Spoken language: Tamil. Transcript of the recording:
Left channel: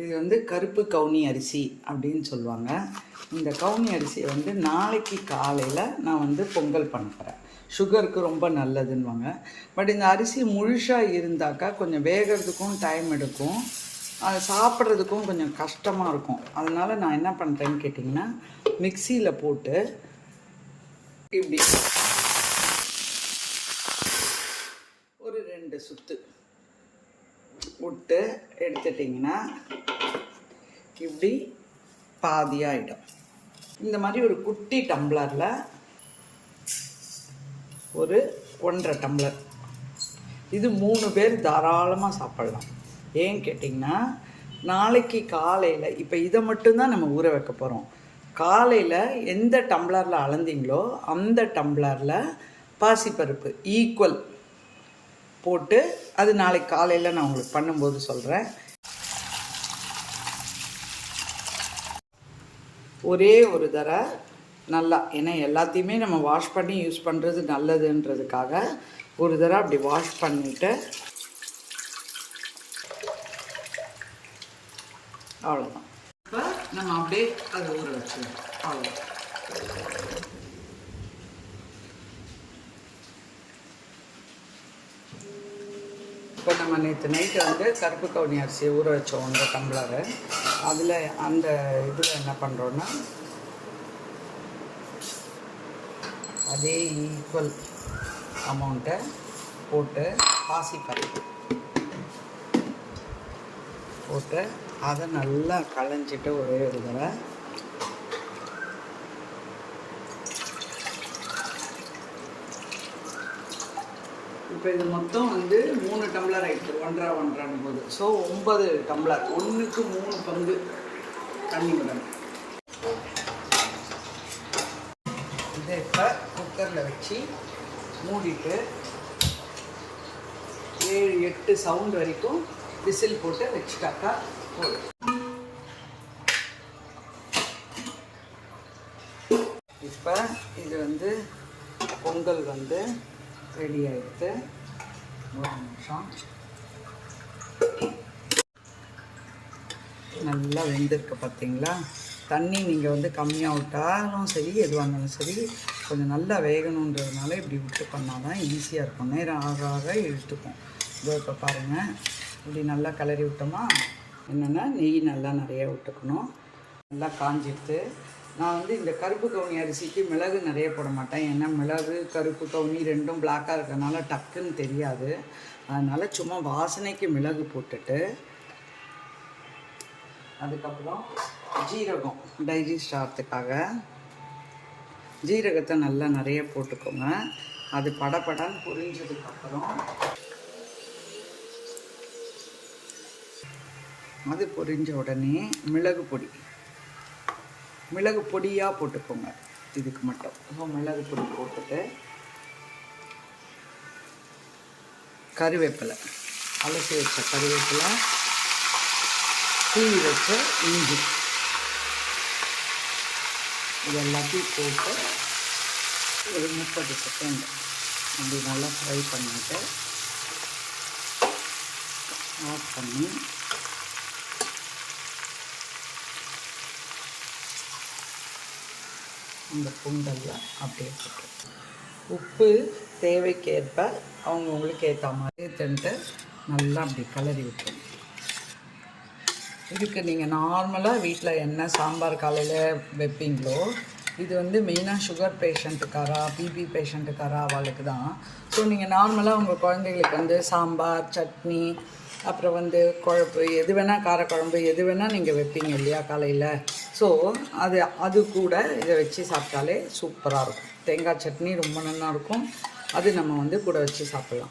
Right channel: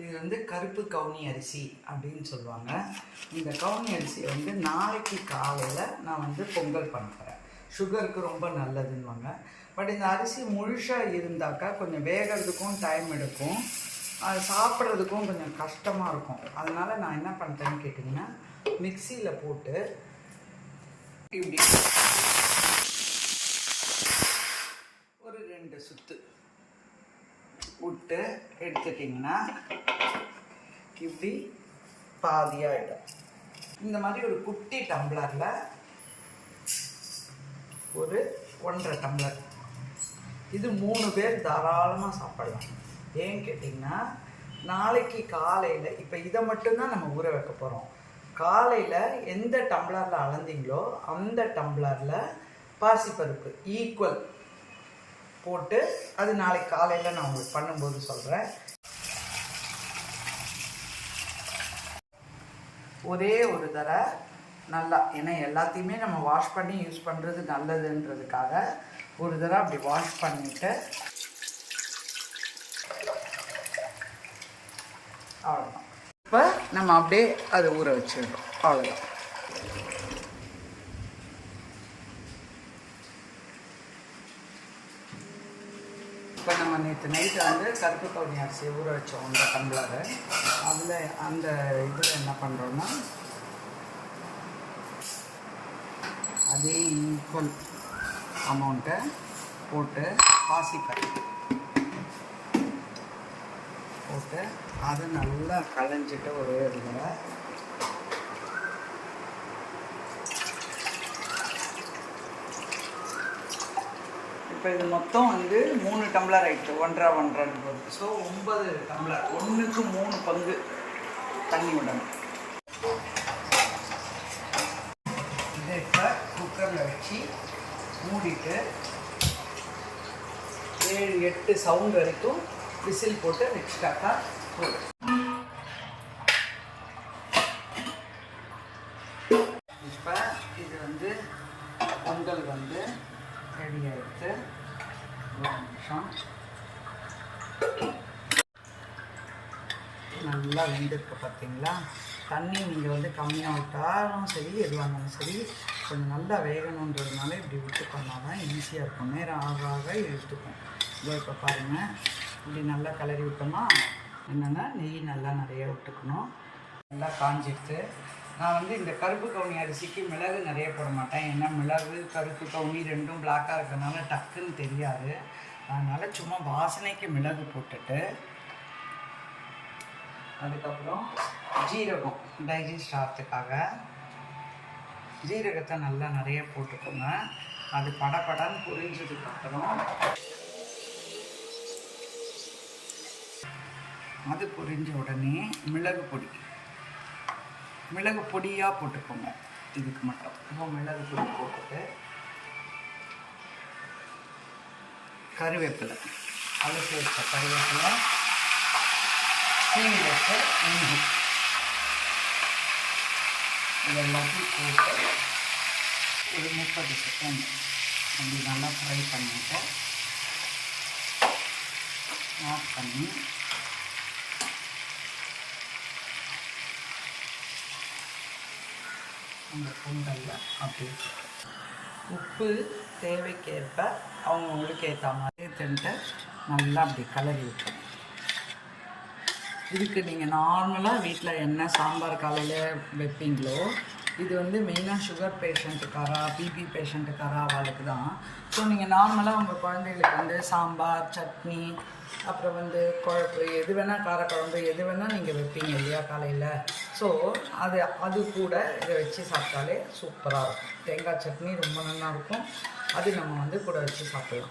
இது வந்து கருப்பு கவுனி அரிசி அப்படின்னு சொல்லுவாங்க. இந்த கவுனி அரிசியை வந்து நாளைக்கு காலையில் நான் வந்து பொங்கல் பண்ணுறேன். சுகருக்கு ரொம்ப நல்லதுன்னுவாங்க. பட் இந்த அரிசி முழுசாக இருந்தாக்கா கொஞ்சம் வேகிறதுக்கும் டைம் எடுக்கும், அது சாப்பிட்றதுக்கும் கொஞ்சம் கஷ்டமாக இருக்கும். அதனால் நான் என்ன பண்ணுறேன்னு கேட்டிங்கன்னா, மிக்சியில் போட்டு இப்படி ஒரு 2 சுத்து விட்டு எடுத்துட்டிங்கன்னா இப்படி பாதியாகிடும். இந்த மாதிரி ஒரு குட்டி டம்ளரில் ஒரு 1.5 டம்ளர், இது 3 பேர் தாராளமாக சாப்பிடலாம். ஏன்னு கேட்டிங்கன்னா, நாளைக்கு காலையில் இப்போ இதை மட்டும்தான் நம்ம ஊற வைக்க போகிறோம். காலையில் எந்த டம்ளரில் அளந்தீங்களோ அந்த டம்ளரில் பாசிப்பருப்பு ஈக்குவல் போட்டு, அது நாளைக்கு காலையில் நான் உங்களுக்கு பண்ணும்போது சொல்கிறேன். ஒரே ஒரு தடவை நல்லா, ஏன்னா எல்லாத்தையுமே நம்ம வாஷ் பண்ணி யூஸ் பண்ணுறது நல்லதுன்றதுக்காக ஒரு தடவை அப்படி வாஷ் பண்ணிவிட்டு அவ்வளோதான். இப்போ நம்ம அப்படியே அதை ஊற வச்சுருக்கோம், அவ்வளோதான். இப்போ நம்ம நேற்று நைட்டு வந்து கருப்பு கவுனி அரிசியை ஊற வச்சோம் 1 டம்ளரு. அதில் அந்த இதில் என்ன பண்ணுறோன்னா, அதே ஈக்குவல் அமௌண்ட்டை போட்டு பாசிப்பருப்பு போட்டு அதை நல்லா களைஞ்சிட்டு ஒரே ஒரு தடவை இப்போ இது மொத்தம் வந்து 3 டம்ளர் ஆகிட்டு, 1.5 போது. ஸோ 9 டம்ளர், 1க்கு 3 பங்கு தண்ணி விடணும். இதை இப்போ குக்கரில் வச்சு மூடிட்டு 7-8 சவுண்ட் வரைக்கும் விசில் போட்டு வச்சுட்டாக்கா போதும். இப்போ இது வந்து பொங்கல் வந்து ரெடி ஆகிடுது. ஒரு நிமிஷம், நல்லா வெந்திருக்கு பார்த்தீங்களா. தண்ணி நீங்கள் வந்து கம்மியாக விட்டாலும் சரி, எதுவானாலும் சரி, கொஞ்சம் நல்லா வேகணுன்றதுனால இப்படி விட்டு பண்ணால் தான் ஈஸியாக இருக்கும். நேரம் ஆக ஆக எடுத்துக்கும். இதோ இப்போ பாருங்கள், இப்படி நல்லா கிளறி விட்டோமா. என்னென்னா, நெய் நல்லா நிறைய விட்டுக்கணும். நல்லா காஞ்சிட்டு, நான் வந்து இந்த கருப்பு கவுனி அரிசிக்கு மிளகு நிறைய போட மாட்டேன். ஏன்னா மிளகு கருப்பு கவுனி ரெண்டும் பிளாக்காக இருக்கிறதுனால டக்குன்னு தெரியாது. அதனால் சும்மா வாசனைக்கு மிளகு போட்டுட்டு, அதுக்கப்புறம் ஜீரகம் டைஜஸ்ட் ஆகிறதுக்காக ஜீரகத்தை நல்லா நிறைய போட்டுக்கோங்க. அது படப்படன்னு பொரிஞ்சதுக்கப்புறம், அது பொரிஞ்ச உடனே மிளகு பொடியாக போட்டுக்கோங்க. இதுக்கு மட்டும் மிளகு பொடி போட்டுட்டு, கருவேப்பிலை, அலசி வச்ச கருவேப்பிலை, சீவி வச்ச இஞ்சி, இது எல்லாத்தையும் போட்டு ஒரு 30 செகண்ட் அப்படி நல்லா ஃப்ரை பண்ணிட்டு ஆஃப் பண்ணி, இந்த பொங்கலில் அப்படியே போட்டு உப்பு தேவைக்கேற்ப அவங்களுக்கு ஏற்ற மாதிரி தந்துட்டு நல்லா அப்படி கிளறி விட்டுருங்க. இதுக்கு நீங்கள் நார்மலாக வீட்டில் என்ன சாம்பார் காலையில் வைப்பீங்களோ, இது வந்து மெயினாக சுகர் பேஷண்ட்டுக்காரா, பிபி பேஷண்ட்டுக்காரா அவளுக்கு தான். ஸோ நீங்கள் நார்மலாக உங்கள் குழந்தைகளுக்கு வந்து சாம்பார், சட்னி, அப்புறம் வந்து குழம்பு, எது வேணால் காரக்குழம்பு, எது வேணால் நீங்கள் வைப்பீங்க இல்லையா காலையில். ஸோ அது கூட இதை வச்சு சாப்பிட்டாலே சூப்பராக இருக்கும். தேங்காய் சட்னி ரொம்ப நல்லா இருக்கும், அது நம்ம வந்து கூட வச்சு சாப்பிட்லாம்.